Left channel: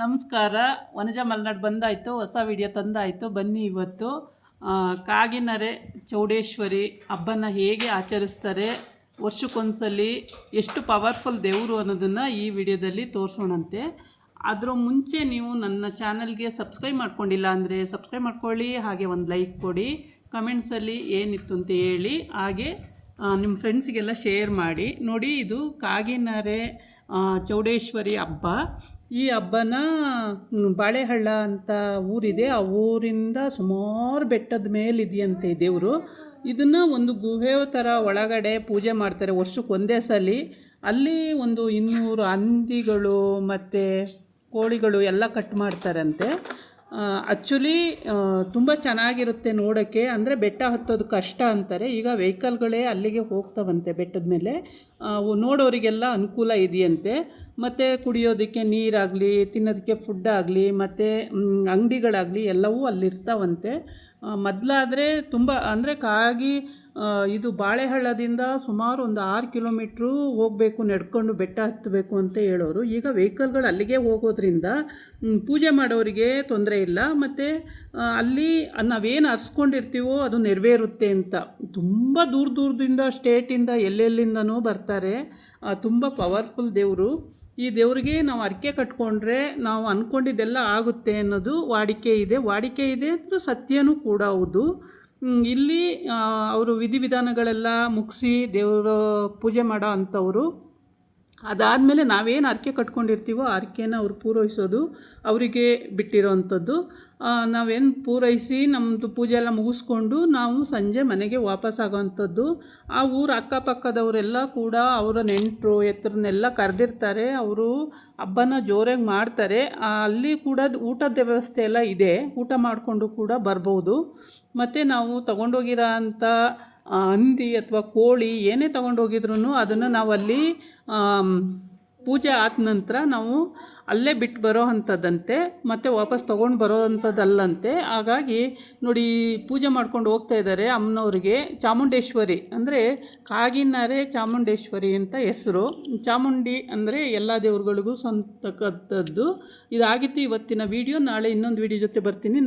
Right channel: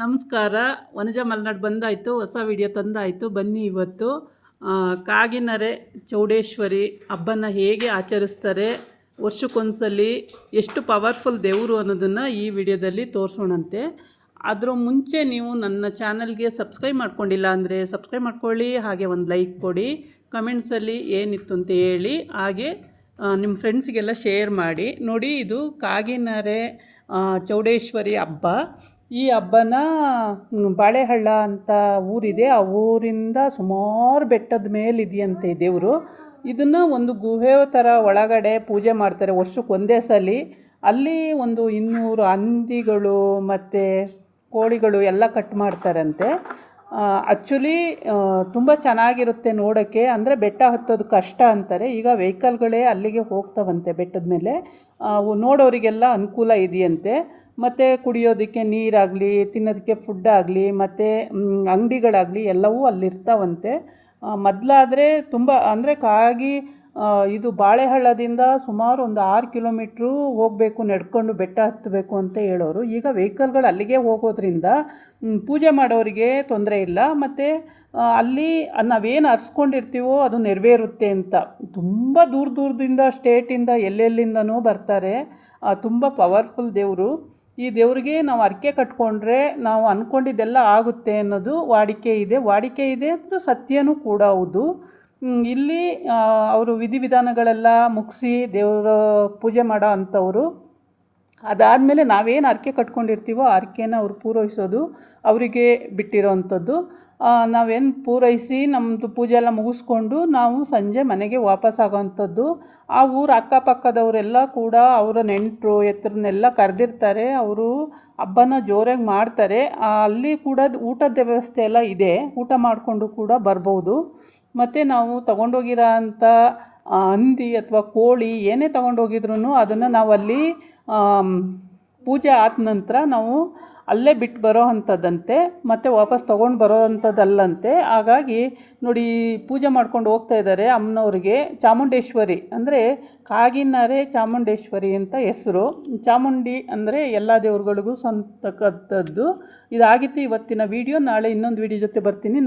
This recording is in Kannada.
ನಮಸ್ಕಾರ. ವನಜ ಮಲೆನಾಡು ಬಂದಾಯಿತು, ಹೊಸ ವಿಡಿಯೋ ತಂದಾಯಿತು. ಬನ್ನಿ ಇವತ್ತು ಕಾಗಿನೆರೆ ಚೌಡೇಶ್ವರಿ ಹಬ್ಬನ ಹೇಗೆ ಆಚರಿಸ್ತಾರೆ, ವರ್ಷಕ್ಕೊಂದ್ಸಲಿ ಎಷ್ಟು ಪವರ್ಫುಲ್ ದೇವರು ಅನ್ನೋದನ್ನು ಈ ವಿಡಿಯೋದಲ್ಲಿ ತೋರಿಸೋಣಂತೆ. ಅದರ ಮುಂಚೆ ನೀವು ನನ್ನ ಚಾನಲ್ಗೆ ಸಬ್ಸ್ಕ್ರೈಬ್ ಮಾಡ್ಕೊಂಡಿಲ್ಲ ಅಂದರೆ ಸಬ್ಸ್ಕ್ರೈಬ್ ಮಾಡ್ಕೊಳ್ಳಿ, ಹಾಗೆ ಒಂದು ಲೈಕ್ ಕೊಡಿ, ಕಮೆಂಟ್ಸಲ್ಲಿ ಏನಿತ್ತು ಅಂತ ಹೇಳಿ, ಹಾಗೆ ನಿಮ್ಮ ಫ್ರೆಂಡ್ಸ್ಗೆಲ್ಲ ಶೇರ್ ಮಾಡಿ. ನೋಡಿ, ಇದು ಕಾಗಿನೆರೆ ಚೌಡೇಶ್ವರಿ ಹಬ್ಬ. ಈ ಹಬ್ಬನ ಬಾಳೆಹಳ್ಳ ಅಂತ ಊರಿದೆ, ಆ ಊರಿಂದ ಸುಮಾರು ಬೆಟ್ಟದ ಮೇಲಿದೆಯಂತೆ ದೇವರು. ಇದನ್ನು ಒಂದು ಗುಹೆ ಥರ ಒಳಗಡೆ ಪೂಜೆ ಮಾಡ್ತಾರೆ ವರ್ಷಕ್ಕೆ ಒಂದೇ ಸಲ. ಅಲ್ಲಿ ಒಂದು 200 ಹಂದಿಗಳು ಮತ್ತು ಕೋಳಿಗಳು ಎಲ್ಲ ಕಟ್ ಮಾಡ್ತಾರಂತೆ. ಆ್ಯಕ್ಚುಲಿ ತುಂಬ ಚೆನ್ನಾಗಿರುತ್ತೆ ನೋಡೋಕ್ಕೆ. ಅಂದರೆ ಬೆಟ್ಟ ಹತ್ತೋದು ಕಷ್ಟ ಅಂತಾರೆ. ಈಗ ವೆಹಿಕಲ್ಗಳೇ ಅಲ್ಲಿಗೆ ಹೋಗ್ತಾವಂತೆ ಬೆಟ್ಟದ ಮೇಲೆ. ನೋಡೋರಿಗೆಲ್ಲ ಅನುಕೂಲ ಇದೆಯಂತೆ. ಮತ್ತು ಕುಡಿಯೋದಕ್ಕೆ ನೀರಾಗಲಿ, ತಿನ್ನೋದಕ್ಕೆ ಫುಡ್ಡಾಗಲಿ, ಮತ್ತು ಅಂಗಡಿಗಳಾಗಲಿ ಎಲ್ಲವೂ ಅಲ್ಲಿರ್ತಾವಂತೆ. ಮೊದಲಾದರೆ ತುಂಬ ಅಂದರೆ ಇದು ಬಾಳೆಹಳ್ಳದಿಂದ ಸುಮಾರು ಒಂದು 6 ಕಿಲೋಮೀಟ್ರು ಹೋಗಬೇಕು, ನಡ್ಕೊಂಡು ಬೆಟ್ಟ ಹತ್ತಬೇಕು ಅಂತ ಹೇಳೋರು. ಈಗ ವೆಹಿಕಲ್ಗಳು ಅಲ್ಲಿಗೆ ಹೋಗೋದ್ರಿಂದ ಪೂಜೆ ಮಾಡೋರಿಗೆ ತೊಂದರೆ ಇಲ್ಲ. ಮತ್ತು ಅಲ್ಲಿ ನಾವೇನು ಅರ್ಸ್ಕೊಂಡಿರ್ತೀವೋ ಅದು ನೆರವೇರುತ್ತೆ ಅಂತ ತುಂಬ ದೂರದಿಂದ ಸ್ಟೇಟಿಂದ ಎಲ್ಲೆಲ್ಲಿಂದನೂ ಬರ್ತಾರೆ. ತುಂಬ ಪವರ್ಫುಲ್ ದೇವರು. ಈ ದೇವರಿಗೆ ನಾವು ಹರಕೆ ಕಟ್ಕೊಂಡ್ರೆ ನಾವು ಅಂದ್ಕೊಂಡಿದ್ದೆಲ್ಲ ಆಗುತ್ತೆ ಅನ್ನೋದು ವಾಡಿಕೆ ಇದೆ ಅಂದರೆ ಸತ್ಯನೂ ಕೂಡ ಹೌದು. ಇಲ್ಲಿ ಅವರು ವಿಧಿವಿಧಾನಗಳೆಲ್ಲ ಮುಗಿಸಿ ದೇವರ ಪೂಜೆ ಮಾಡೋ ಅಂಥವ್ರು. ಅದಾದಮೇಲೆ ನಾವೇನು ಹರಕೆ ಕಟ್ಕೊಂಡಿರ್ತೀವೋ ಆ ಹರಕೆನ ಅವ್ರು ಪೂರೈಸೋದು ಅವರಿಗೆ ಬಿಟ್ಟಿರೋ ಅಂಥದ್ದು. ನಾವೇನು ಪೂರೈಸಿ ನಮ್ಮದು ಪೂಜೆ ಎಲ್ಲ ಮುಗಿಸ್ಕೊಂಡು ನಾವು ಸಂಜೆ ಮನೆಗೆ ವಾಪಸ್ಸಾಗೋವಂಥದ್ದು. ಆ ಊರು ಅಕ್ಕಪಕ್ಕದವರೆಲ್ಲ ಕೂಡ ಅವರ ನೆಂಟರು ಎತ್ತರನ್ನೆಲ್ಲ ಕರೆದಿರ್ತಾರೆ. ಅವರು ಹಬ್ಬನ ಜೋರಾಗಿ ಮಾಡ್ತಾರೆ. ಅಲ್ಲಿ ಕೂಡ ಊಟದ ವ್ಯವಸ್ಥೆ ಎಲ್ಲ ಇದೆ, ಊಟ ಮಾಡಿಕೊಂಡು ಕೂಡ ಬರ್ಬೋದು. ಮತ್ತು ನಾವು ತೊಗೊಂಡೋಗಿರೋ ಅಂಥ ಹಂದಿ ಅಥವಾ ಕೋಳಿ ಏನೇ ತೊಗೊಂಡೋಗಿದ್ರೂ ಅದನ್ನು ನಾವಲ್ಲಿ ಪೂಜೆ ಆದ ನಂತರ ನಾವು ಅಲ್ಲೇ ಬಿಟ್ಟು ಬರೋ ಅಂಥದ್ದಂತೆ, ಮತ್ತು ವಾಪಸ್ ತೊಗೊಂಡು ಬರೋ ಅಂಥದ್ದಲ್ಲಂತೆ. ಹಾಗಾಗಿ ನೋಡಿ, ಪೂಜೆ ಮಾಡ್ಕೊಂಡು ಹೋಗ್ತಾ ಇದ್ದಾರೆ ಅಮ್ಮನವ್ರಿಗೆ. ಚಾಮುಂಡೇಶ್ವರಿ ಅಂದರೆ ಕಾಗಿನೆರೆ ಚಾಮುಂಡೇಶ್ವರಿ ಅಂತ ಹೆಸರು. ಚಾಮುಂಡಿ ಅಂದರೆ ಎಲ್ಲ ದೇವರುಗಳಿಗೂ ಸಂತಕ್ಕಂಥದ್ದು. ಇದಾಗಿತ್ತು ಇವತ್ತಿನ ವಿಡಿಯೋ. ನಾಳೆ ಇನ್ನೊಂದು ವಿಡಿಯೋ ಜೊತೆ ಬರ್ತೀನಿ.